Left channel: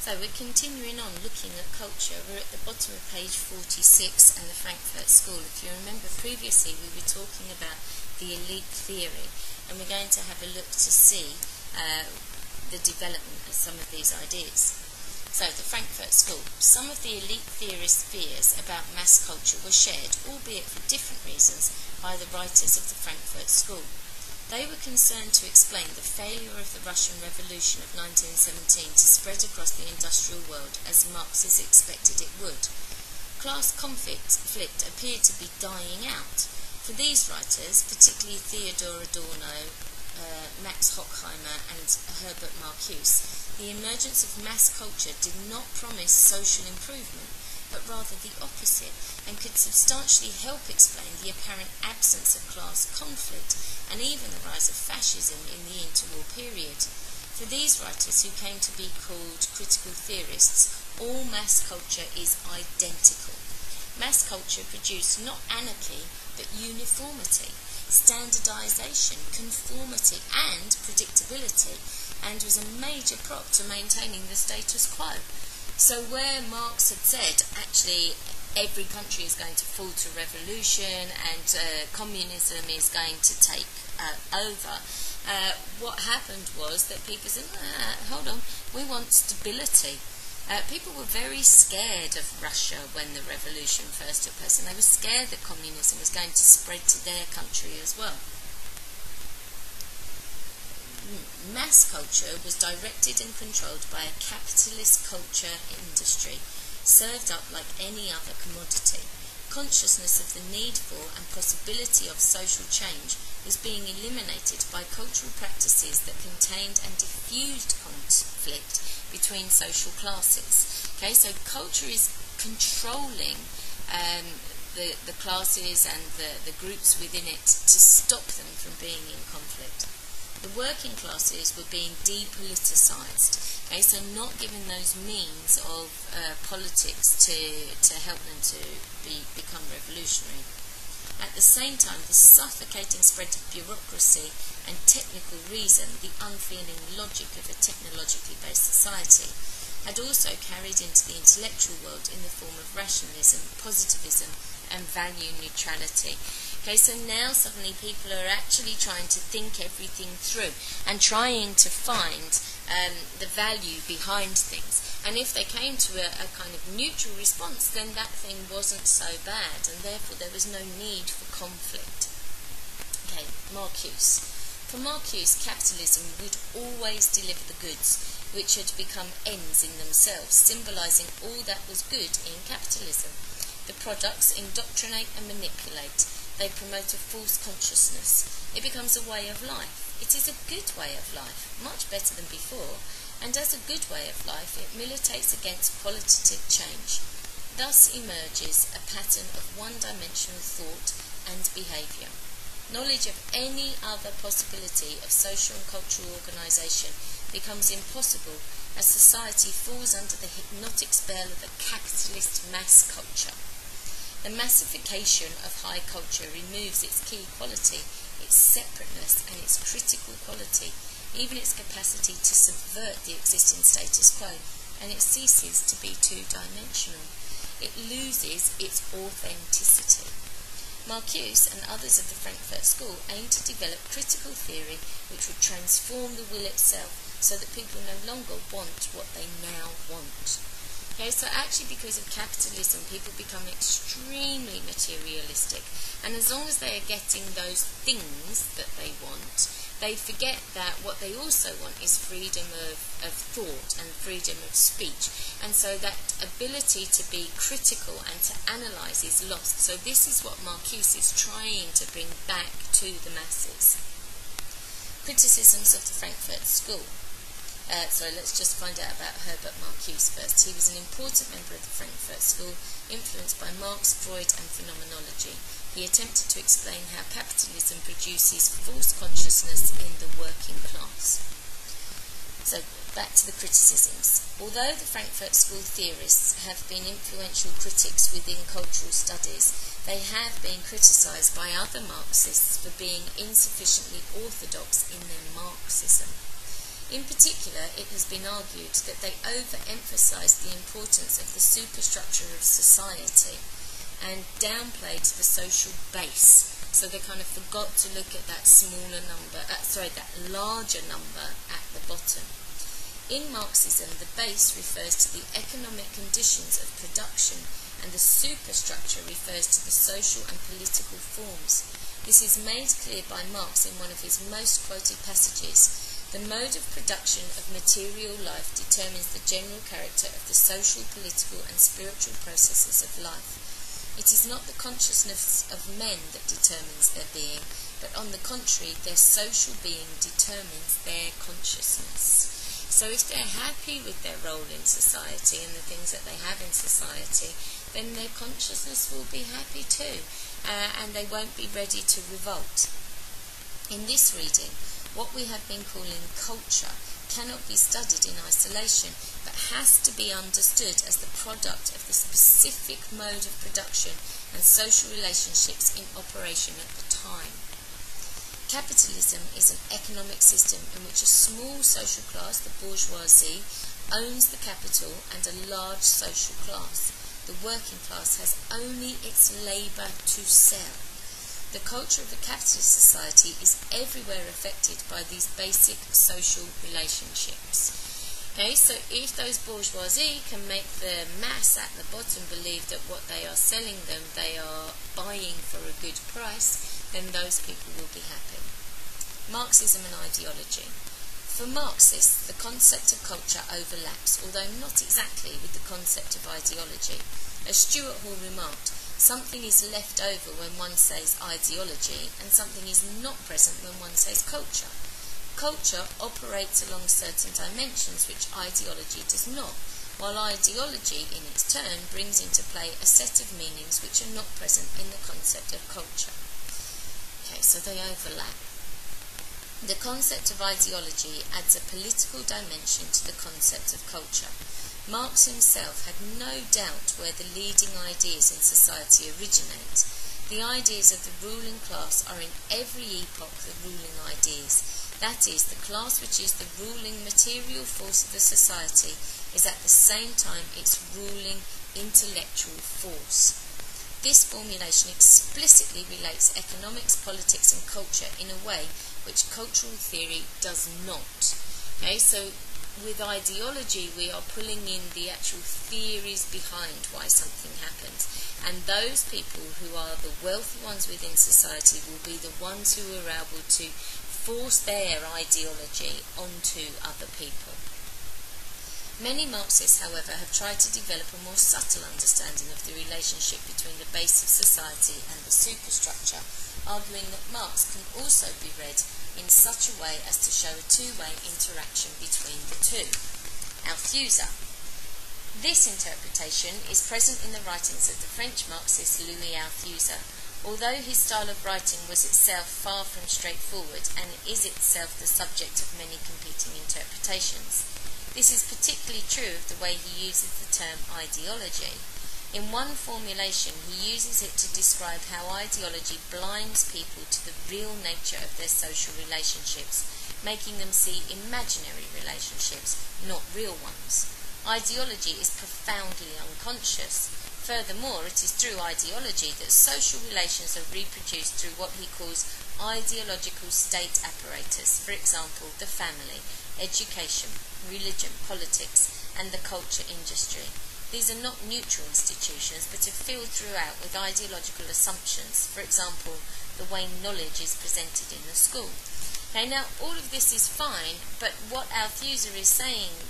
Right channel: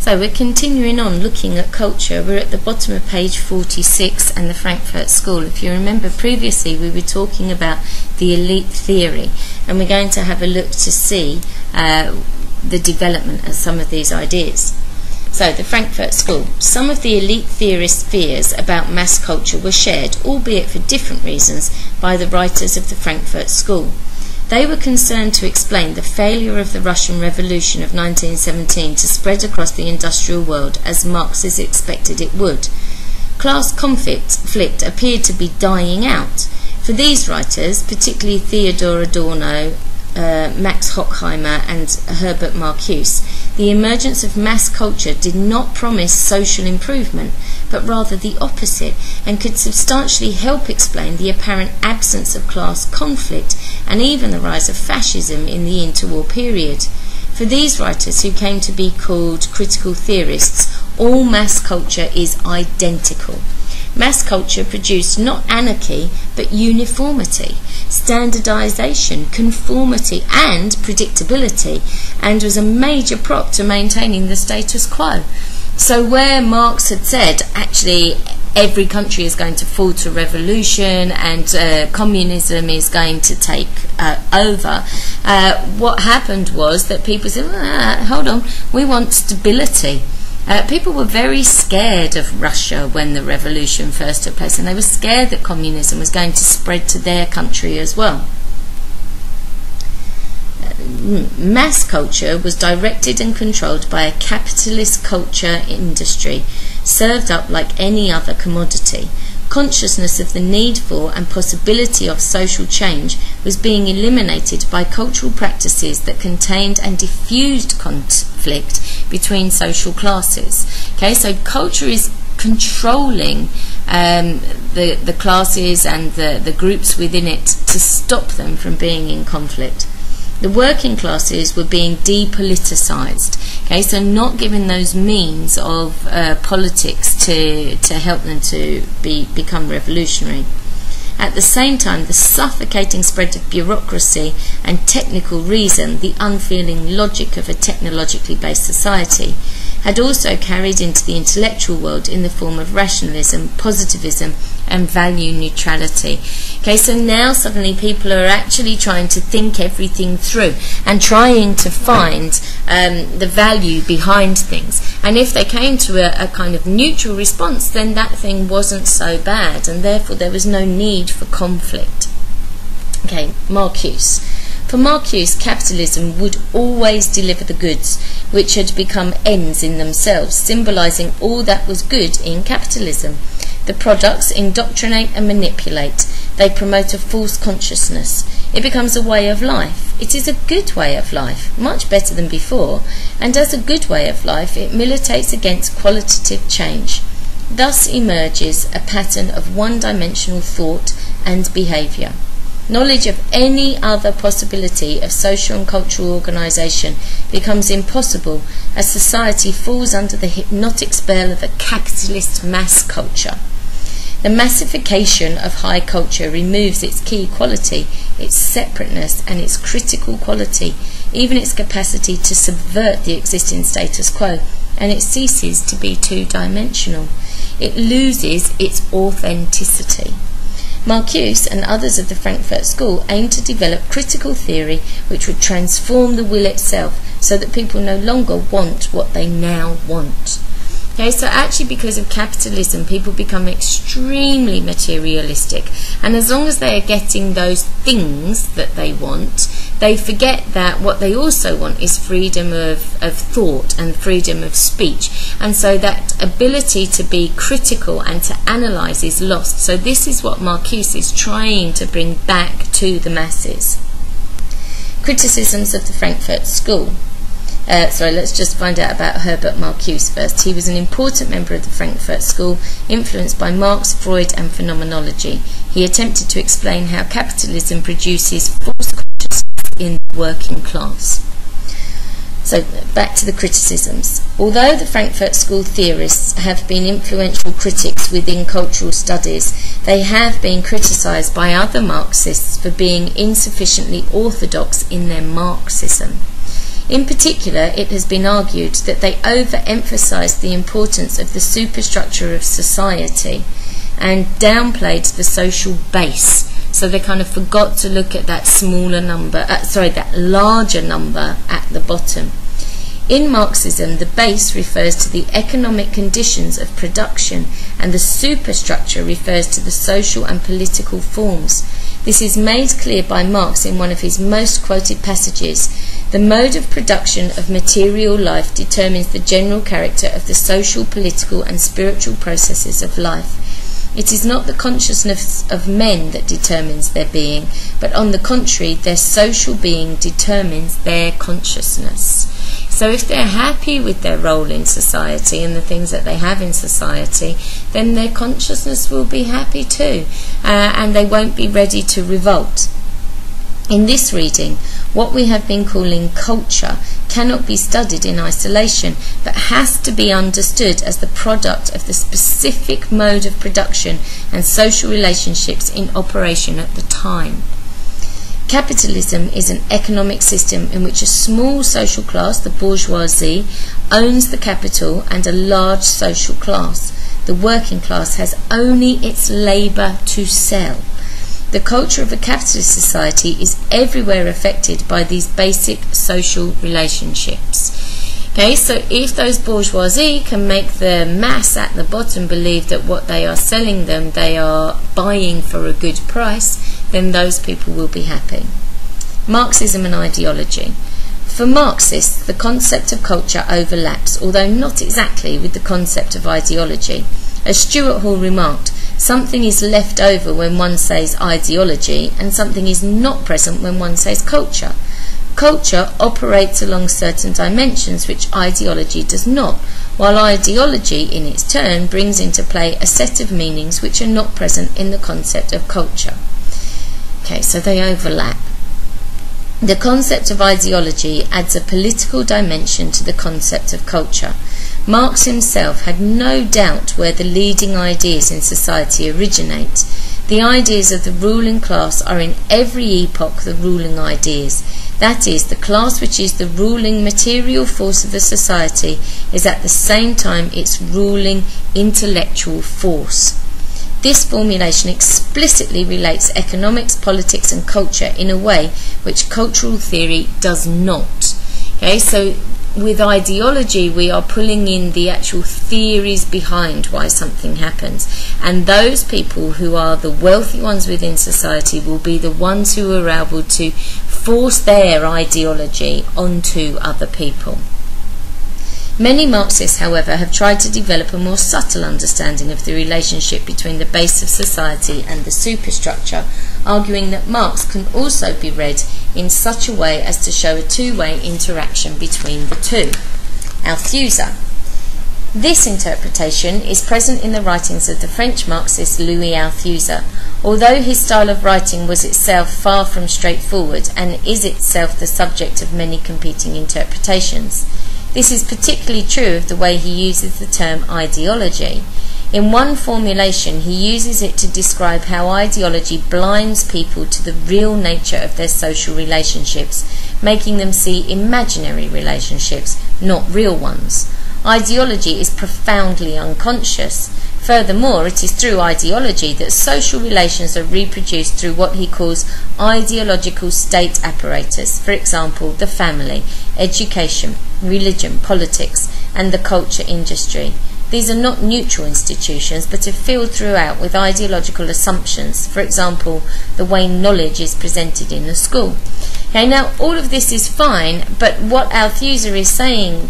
So we're continuing on looking at culture. We're at the bottom of page 46 and the Frankfurt School. If you remember previously, we were talking about the elite theory, and we're going to have a look to see the development of some of these ideas. So the Frankfurt School. Some of the elite theorists' fears about mass culture were shared, albeit for different reasons, by the writers of the Frankfurt School. They were concerned to explain the failure of the Russian Revolution of 1917 to spread across the industrial world as Marxists expected it would. Class conflict appeared to be dying out. For these writers, particularly Theodor Adorno, Max Horkheimer and Herbert Marcuse, the emergence of mass culture did not promise social improvement, but rather the opposite, and could substantially help explain the apparent absence of class conflict and even the rise of fascism in the interwar period. For these writers, who came to be called critical theorists, all mass culture is identical. Mass culture produced not anarchy, but uniformity, standardization, conformity and predictability, and was a major prop to maintaining the status quo. So where Marx had said, actually, every country is going to fall to revolution and communism is going to take over, what happened was that people said, hold on, we want stability. People were very scared of Russia when the revolution first took place, and they were scared that communism was going to spread to their country as well. Mass culture was directed and controlled by a capitalist culture industry, served up like any other commodity. Consciousness of the need for and possibility of social change was being eliminated by cultural practices that contained and diffused conflict between social classes. Okay, so culture is controlling the classes and the groups within it to stop them from being in conflict. The working classes were being depoliticized, okay, so not given those means of politics to help them to become revolutionary. At the same time, the suffocating spread of bureaucracy and technical reason, the unfeeling logic of a technologically based society, had also carried into the intellectual world in the form of rationalism, positivism and value neutrality. Okay, so now suddenly people are actually trying to think everything through and trying to find the value behind things. And if they came to a kind of neutral response, then that thing wasn't so bad, and therefore there was no need for conflict. Okay, Marcuse. For Marcuse, capitalism would always deliver the goods, which had become ends in themselves, symbolizing all that was good in capitalism. The products indoctrinate and manipulate. They promote a false consciousness. It becomes a way of life. It is a good way of life, much better than before, and as a good way of life, it militates against qualitative change. Thus emerges a pattern of one-dimensional thought and behaviour. Knowledge of any other possibility of social and cultural organisation becomes impossible as society falls under the hypnotic spell of a capitalist mass culture. The massification of high culture removes its key quality, its separateness and its critical quality, even its capacity to subvert the existing status quo, and it ceases to be two-dimensional. It loses its authenticity. Marcuse and others of the Frankfurt School aimed to develop critical theory which would transform the will itself so that people no longer want what they now want. Okay, so actually because of capitalism, people become extremely materialistic, and as long as they are getting those things that they want, they forget that what they also want is freedom of thought and freedom of speech, and so that ability to be critical and to analyse is lost. So this is what Marcuse is trying to bring back to the masses. Criticisms of the Frankfurt School. Let's just find out about Herbert Marcuse first. He was an important member of the Frankfurt School, influenced by Marx, Freud and phenomenology. He attempted to explain how capitalism produces false consciousness in the working class. So back to the criticisms. Although the Frankfurt School theorists have been influential critics within cultural studies, they have been criticised by other Marxists for being insufficiently orthodox in their Marxism. In particular, it has been argued that they overemphasized the importance of the superstructure of society and downplayed the social base. So they kind of forgot to look at that that larger number at the bottom. In Marxism, the base refers to the economic conditions of production, and the superstructure refers to the social and political forms. This is made clear by Marx in one of his most quoted passages. The mode of production of material life determines the general character of the social, political, and spiritual processes of life. It is not the consciousness of men that determines their being, but on the contrary, their social being determines their consciousness. So if they're happy with their role in society and the things that they have in society, then their consciousness will be happy too, and they won't be ready to revolt. In this reading, what we have been calling culture cannot be studied in isolation, but has to be understood as the product of the specific mode of production and social relationships in operation at the time. Capitalism is an economic system in which a small social class, the bourgeoisie, owns the capital, and a large social class, the working class, has only its labour to sell. The culture of a capitalist society is everywhere affected by these basic social relationships. Okay, so if those bourgeoisie can make the mass at the bottom believe that what they are selling them they are buying for a good price, then those people will be happy. Marxism and ideology. For Marxists, the concept of culture overlaps, although not exactly, with the concept of ideology. As Stuart Hall remarked, something is left over when one says ideology, and something is not present when one says culture. Culture operates along certain dimensions which ideology does not, while ideology in its turn brings into play a set of meanings which are not present in the concept of culture. Okay, so they overlap. The concept of ideology adds a political dimension to the concept of culture. Marx himself had no doubt where the leading ideas in society originate. The ideas of the ruling class are in every epoch the ruling ideas. That is, the class which is the ruling material force of the society is at the same time its ruling intellectual force. This formulation explicitly relates economics, politics and culture in a way which cultural theory does not. Okay, so with ideology we are pulling in the actual theories behind why something happens, and those people who are the wealthy ones within society will be the ones who are able to force their ideology onto other people. Many Marxists, however, have tried to develop a more subtle understanding of the relationship between the base of society and the superstructure, arguing that Marx can also be read in such a way as to show a two-way interaction between the two. Althusser. This interpretation is present in the writings of the French Marxist Louis Althusser, although his style of writing was itself far from straightforward and is itself the subject of many competing interpretations. This is particularly true of the way he uses the term ideology. In one formulation, he uses it to describe how ideology blinds people to the real nature of their social relationships, making them see imaginary relationships, not real ones. Ideology is profoundly unconscious. Furthermore, it is through ideology that social relations are reproduced through what he calls ideological state apparatus, for example, the family, education, religion, politics, and the culture industry. These are not neutral institutions, but are filled throughout with ideological assumptions, for example, the way knowledge is presented in the school. Okay, now all of this is fine, but what Althusser is saying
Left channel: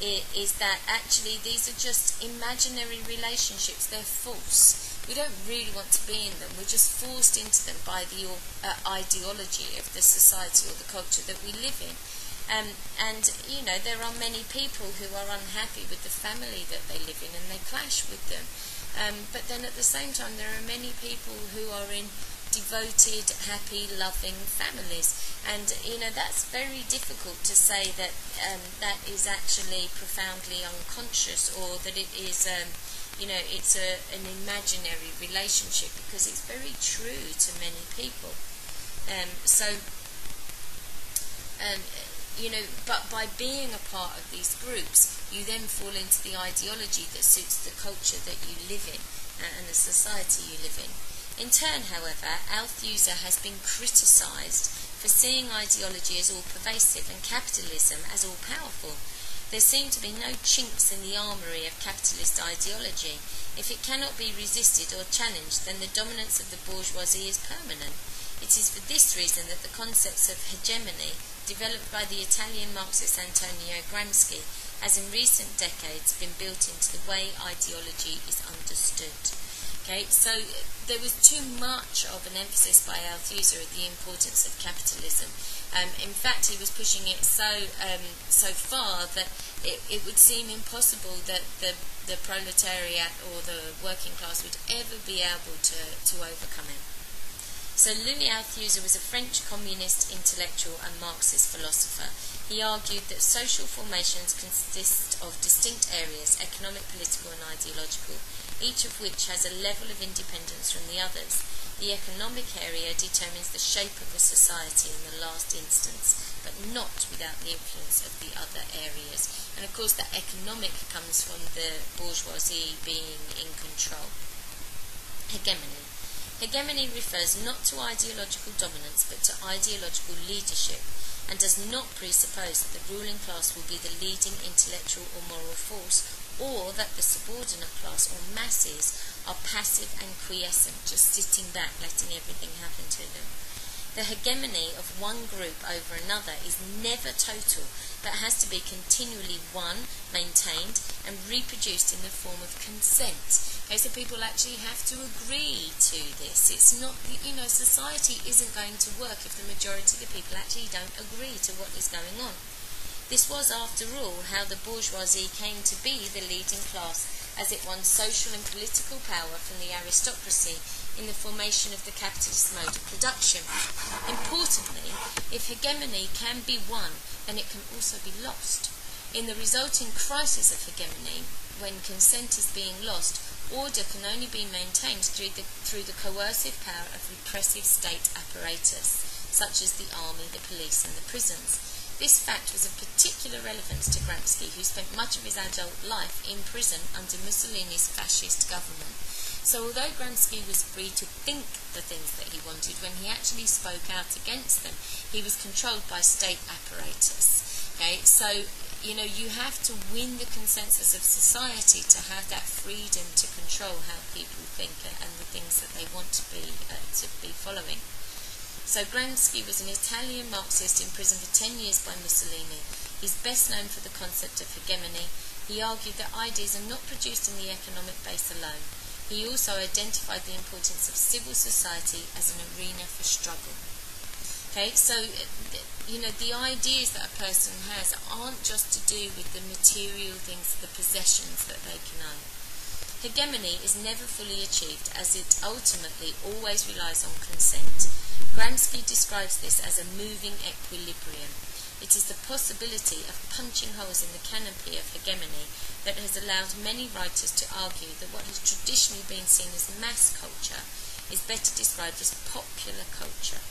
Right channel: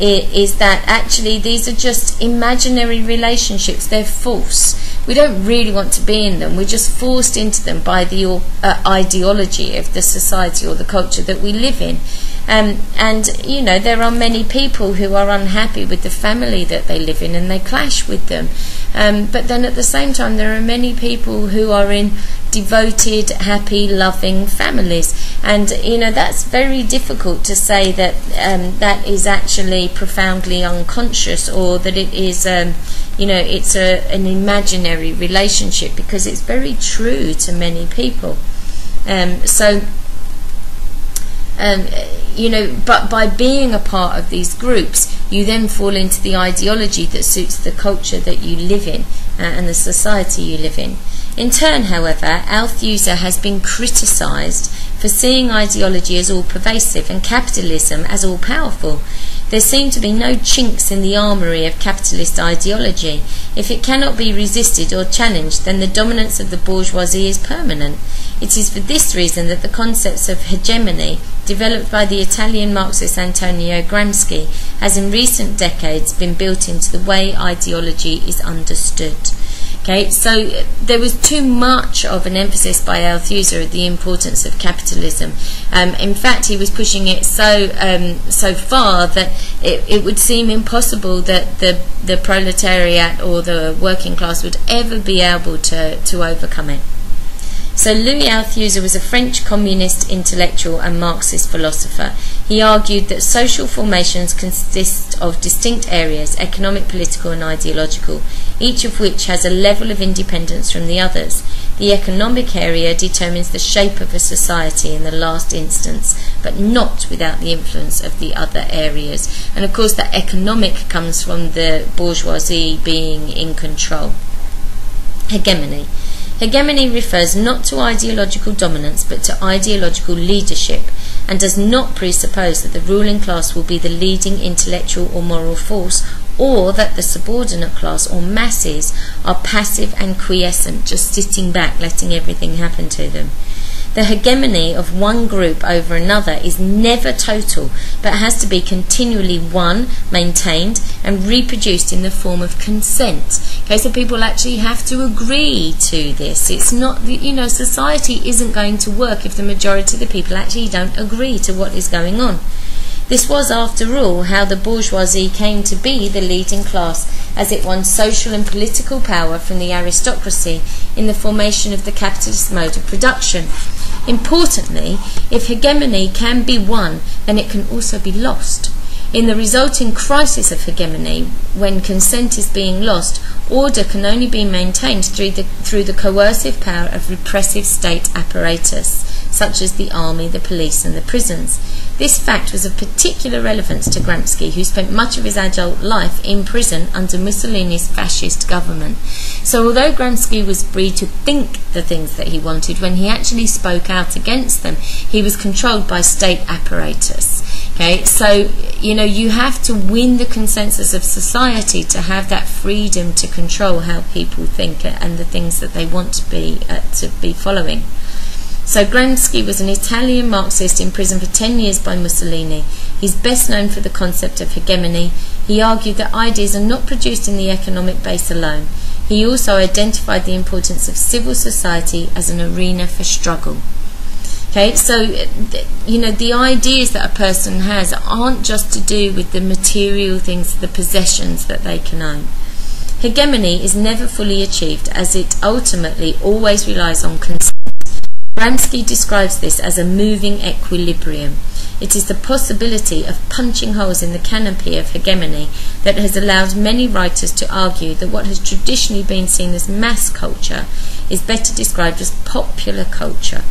is that actually these are just imaginary relationships. They're false. We don't really want to be in them. We're just forced into them by the ideology of the society or the culture that we live in. And you know, there are many people who are unhappy with the family that they live in and they clash with them. But then at the same time, there are many people who are in devoted, happy, loving families, and you know, that's very difficult to say that that is actually profoundly unconscious, or that it is you know, it's an imaginary relationship, because it's very true to many people. but by being a part of these groups, you then fall into the ideology that suits the culture that you live in and the society you live in. In turn, however, Althuser has been criticised for seeing ideology as all-pervasive and capitalism as all-powerful. There seem to be no chinks in the armoury of capitalist ideology. If it cannot be resisted or challenged, then the dominance of the bourgeoisie is permanent. It is for this reason that the concepts of hegemony, developed by the Italian Marxist Antonio Gramsci, has in recent decades been built into the way ideology is understood. Okay, so there was too much of an emphasis by Althuser of the importance of capitalism. In fact, he was pushing it so far that it would seem impossible that the proletariat or the working class would ever be able to overcome it. So Louis Althuser was a French communist intellectual and Marxist philosopher. He argued that social formations consist of distinct areas, economic, political and ideological, each of which has a level of independence from the others. The economic area determines the shape of a society in the last instance, but not without the influence of the other areas. And of course the economic comes from the bourgeoisie being in control. Hegemony. Hegemony refers not to ideological dominance but to ideological leadership, and does not presuppose that the ruling class will be the leading intellectual or moral force, or that the subordinate class or masses are passive and quiescent, just sitting back, letting everything happen to them. The hegemony of one group over another is never total, but has to be continually won, maintained, and reproduced in the form of consent. Okay, so people actually have to agree to this. It's not, society isn't going to work if the majority of the people actually don't agree to what is going on. This was, after all, how the bourgeoisie came to be the leading class, as it won social and political power from the aristocracy in the formation of the capitalist mode of production. Importantly, if hegemony can be won, then it can also be lost. In the resulting crisis of hegemony, when consent is being lost, order can only be maintained through the coercive power of repressive state apparatus, such as the army, the police and the prisons. This fact was of particular relevance to Gramsci, who spent much of his adult life in prison under Mussolini's fascist government. So although Gramsci was free to think the things that he wanted, when he actually spoke out against them, he was controlled by state apparatus. Okay, so you have to win the consensus of society to have that freedom to control how people think and the things that they want to be following. So Gramsci was an Italian Marxist imprisoned for 10 years by Mussolini. He's best known for the concept of hegemony. He argued that ideas are not produced in the economic base alone. He also identified the importance of civil society as an arena for struggle. Okay, so the ideas that a person has aren't just to do with the material things, the possessions that they can own. Hegemony is never fully achieved, as it ultimately always relies on consent. Gramsci describes this as a moving equilibrium. It is the possibility of punching holes in the canopy of hegemony that has allowed many writers to argue that what has traditionally been seen as mass culture is better described as popular culture,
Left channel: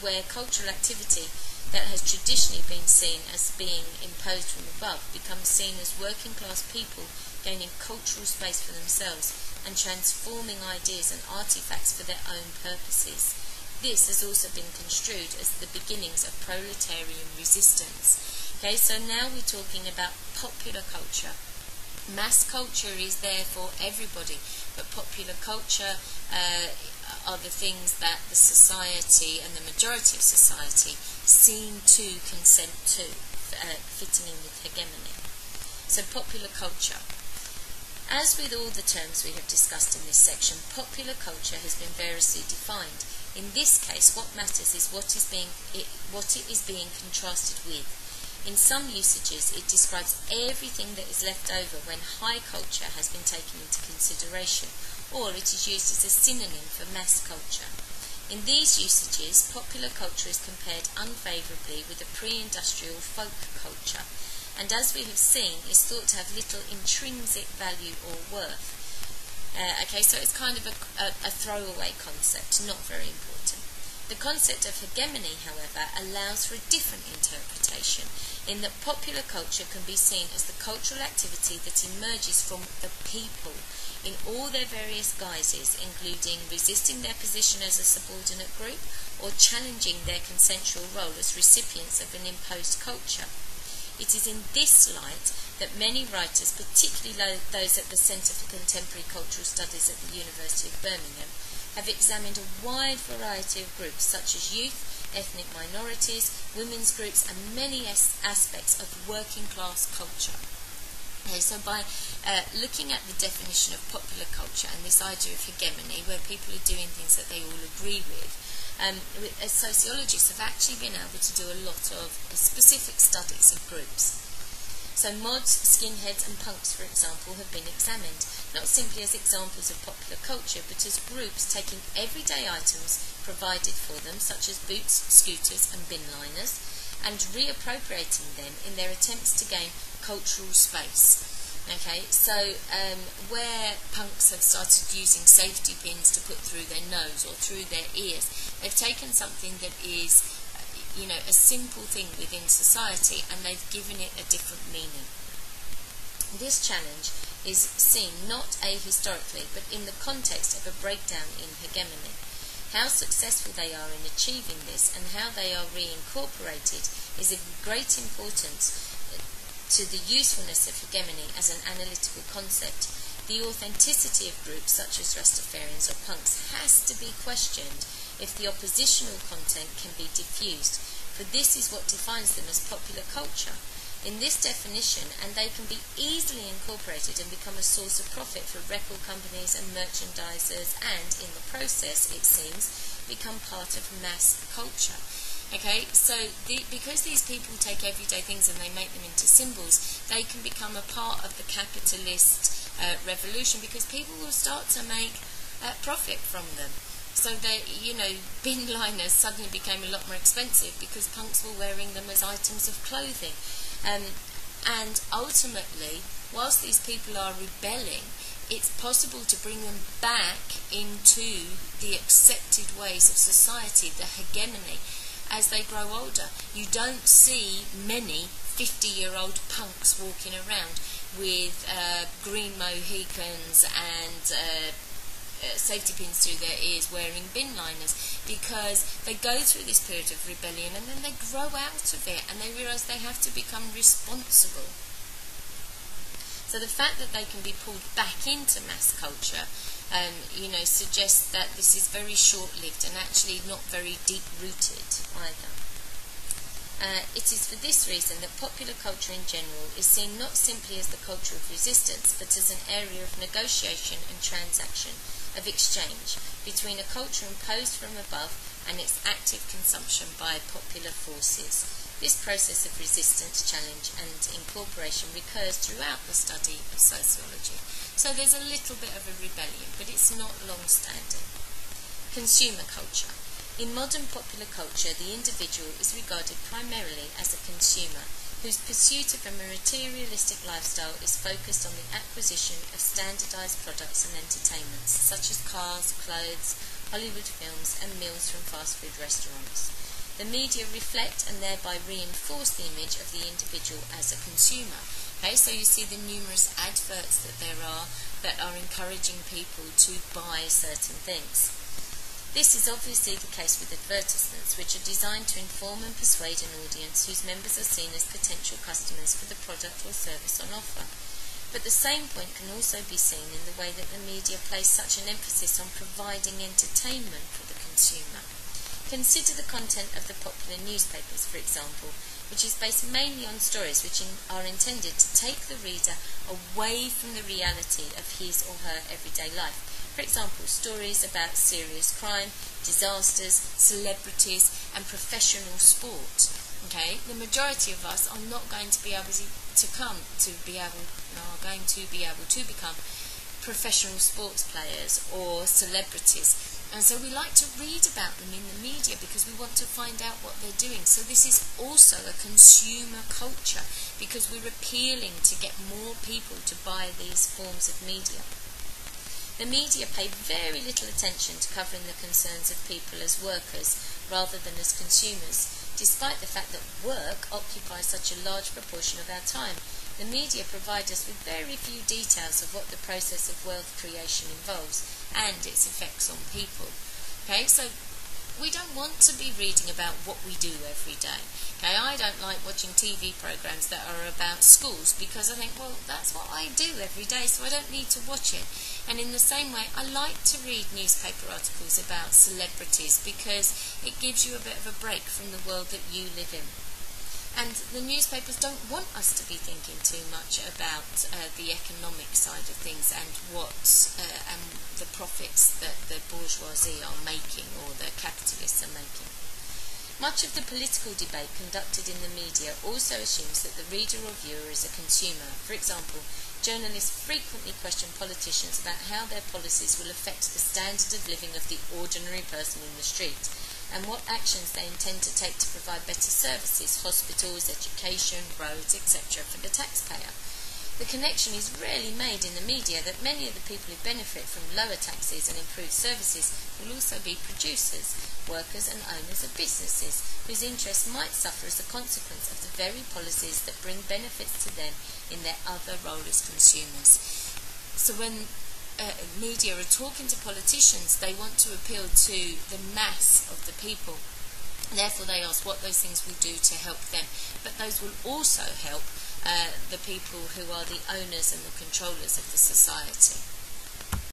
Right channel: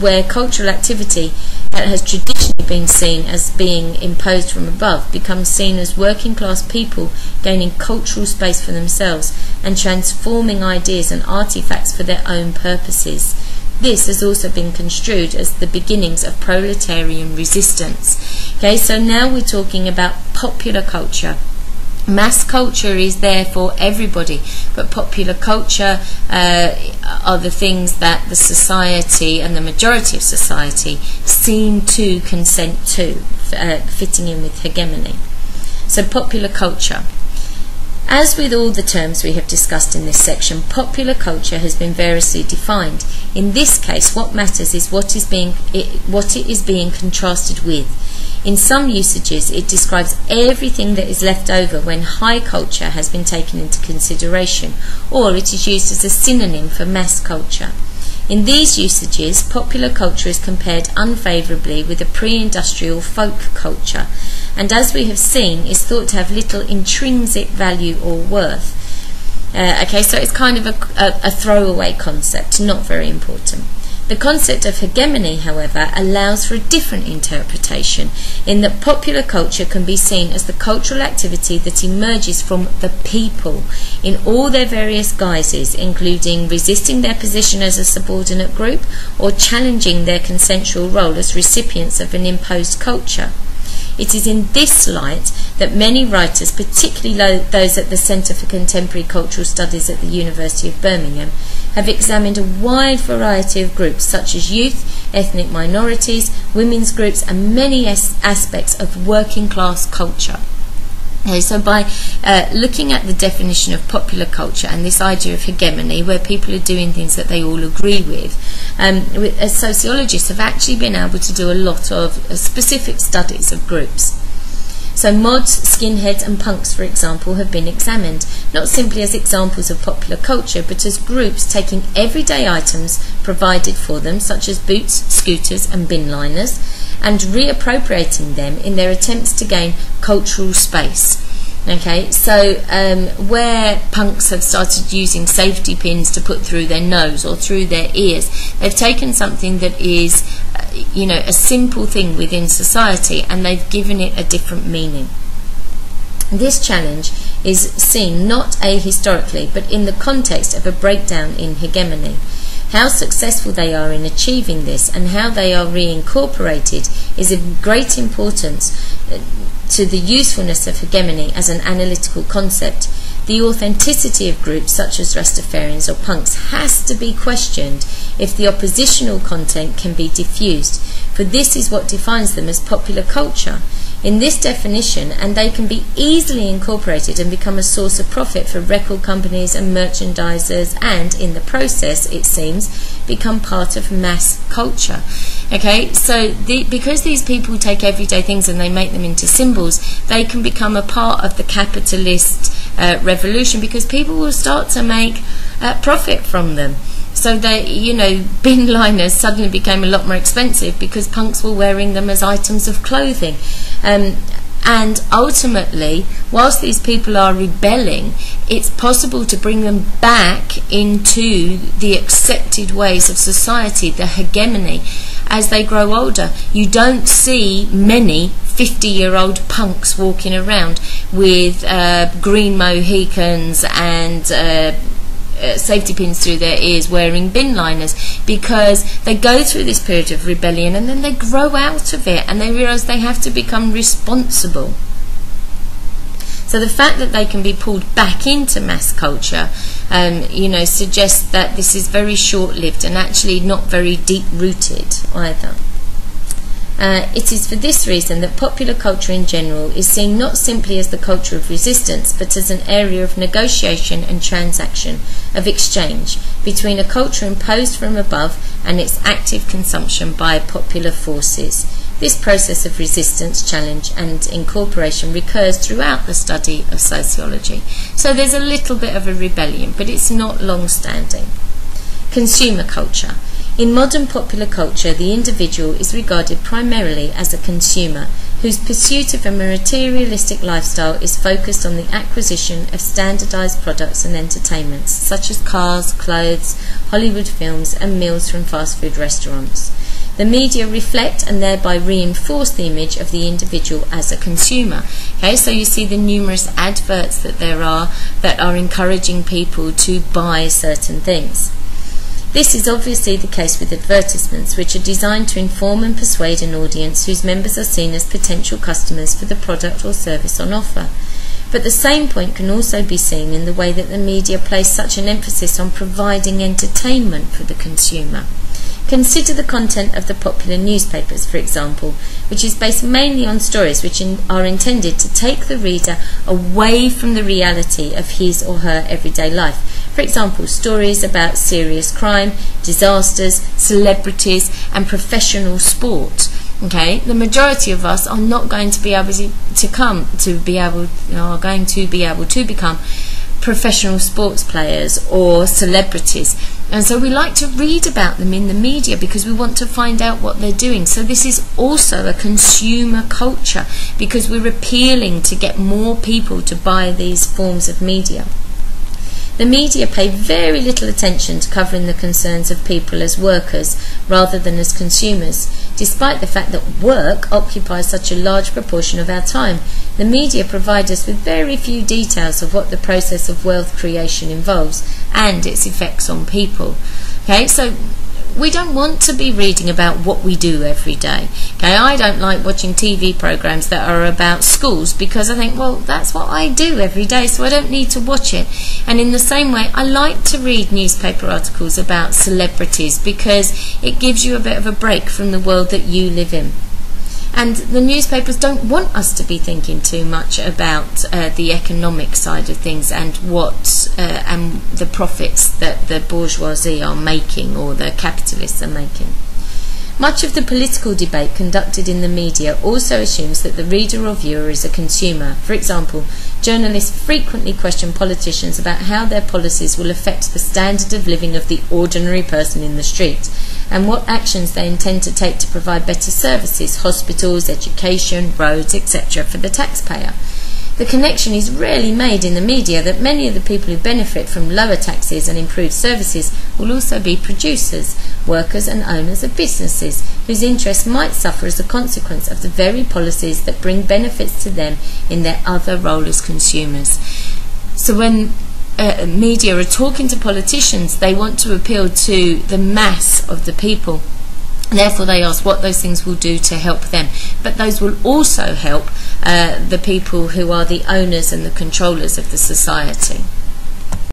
where cultural activity that has traditionally been seen as being imposed from above becomes seen as working class people gaining cultural space for themselves and transforming ideas and artifacts for their own purposes. This has also been construed as the beginnings of proletarian resistance. Okay, so now we're talking about popular culture. Mass culture is there for everybody, but popular culture are the things that the society and the majority of society seem to consent to, fitting in with hegemony. So popular culture. As with all the terms we have discussed in this section, popular culture has been variously defined. In this case, what matters is what it is being contrasted with. In some usages, it describes everything that is left over when high culture has been taken into consideration, or it is used as a synonym for mass culture. In these usages, popular culture is compared unfavourably with a pre-industrial folk culture, and as we have seen, is thought to have little intrinsic value or worth. Okay, so it's kind of a throwaway concept, not very important. The concept of hegemony, however, allows for a different interpretation, in that popular culture can be seen as the cultural activity that emerges from the people in all their various guises, including resisting their position as a subordinate group or challenging their consensual role as recipients of an imposed culture. It is in this light that many writers, particularly those at the Centre for Contemporary Cultural Studies at the University of Birmingham, have examined a wide variety of groups such as youth, ethnic minorities, women's groups, and many aspects of working class culture. Okay, so by looking at the definition of popular culture and this idea of hegemony, where people are doing things that they all agree with, as sociologists have actually been able to do a lot of specific studies of groups. So mods, skinheads and punks, for example, have been examined, not simply as examples of popular culture, but as groups taking everyday items provided for them, such as boots, scooters and bin liners, and reappropriating them in their attempts to gain cultural space. Okay, so where punks have started using safety pins to put through their nose or through their ears, they've taken something that is a simple thing within society and they've given it a different meaning. This challenge is seen not ahistorically but in the context of a breakdown in hegemony. How successful they are in achieving this and how they are reincorporated is of great importance to the usefulness of hegemony as an analytical concept. The authenticity of groups such as Rastafarians or punks has to be questioned if the oppositional content can be diffused, for this is what defines them as popular culture. In this definition, and they can be easily incorporated and become a source of profit for record companies and merchandisers, and in the process, it seems, become part of mass culture. Okay, so because these people take everyday things and they make them into symbols, they can become a part of the capitalist revolution, because people will start to make profit from them. So they, bin liners suddenly became a lot more expensive because punks were wearing them as items of clothing. And ultimately, whilst these people are rebelling, it's possible to bring them back into the accepted ways of society, the hegemony, as they grow older. You don't see many 50-year-old punks walking around with green Mohicans and safety pins through their ears, wearing bin liners, because they go through this period of rebellion and then they grow out of it and they realise they have to become responsible. So the fact that they can be pulled back into mass culture suggests that this is very short-lived and actually not very deep-rooted either. It is for this reason that popular culture in general is seen not simply as the culture of resistance, but as an area of negotiation and transaction, of exchange, between a culture imposed from above and its active consumption by popular forces. This process of resistance, challenge and incorporation recurs throughout the study of sociology. So there's a little bit of a rebellion, but it's not long-standing. Consumer culture. In modern popular culture, the individual is regarded primarily as a consumer, whose pursuit of a materialistic lifestyle is focused on the acquisition of standardized products and entertainments, such as cars, clothes, Hollywood films, and meals from fast food restaurants. The media reflect and thereby reinforce the image of the individual as a consumer. Okay, so you see the numerous adverts that there are that are encouraging people to buy certain things. This is obviously the case with advertisements, which are designed to inform and persuade an audience whose members are seen as potential customers for the product or service on offer. But the same point can also be seen in the way that the media place such an emphasis on providing entertainment for the consumer. Consider the content of the popular newspapers, for example, which is based mainly on stories which are intended to take the reader away from the reality of his or her everyday life. For example, stories about serious crime, disasters, celebrities and professional sport. Okay, the majority of us are not going to be able to become professional sports players or celebrities. And so we like to read about them in the media because we want to find out what they're doing. So this is also a consumer culture because we're appealing to get more people to buy these forms of media. The media pay very little attention to covering the concerns of people as workers rather than as consumers, despite the fact that work occupies such a large proportion of our time. The media provide us with very few details of what the process of wealth creation involves and its effects on people. Okay, so we don't want to be reading about what we do every day. Okay, I don't like watching TV programs that are about schools because I think, well, that's what I do every day, so I don't need to watch it. And in the same way, I like to read newspaper articles about celebrities because it gives you a bit of a break from the world that you live in. And the newspapers don't want us to be thinking too much about the economic side of things and and the profits that the bourgeoisie are making or the capitalists are making. Much of the political debate conducted in the media also assumes that the reader or viewer is a consumer. For example, journalists frequently question politicians about how their policies will affect the standard of living of the ordinary person in the street, and what actions they intend to take to provide better services, hospitals, education, roads, etc. for the taxpayer. The connection is rarely made in the media that many of the people who benefit from lower taxes and improved services will also be producers, workers and owners of businesses, whose interests might suffer as a consequence of the very policies that bring benefits to them in their other role as consumers. So when media are talking to politicians, they want to appeal to the mass of the people. Therefore, they ask what those things will do to help them. But those will also help the people who are the owners and the controllers of the society.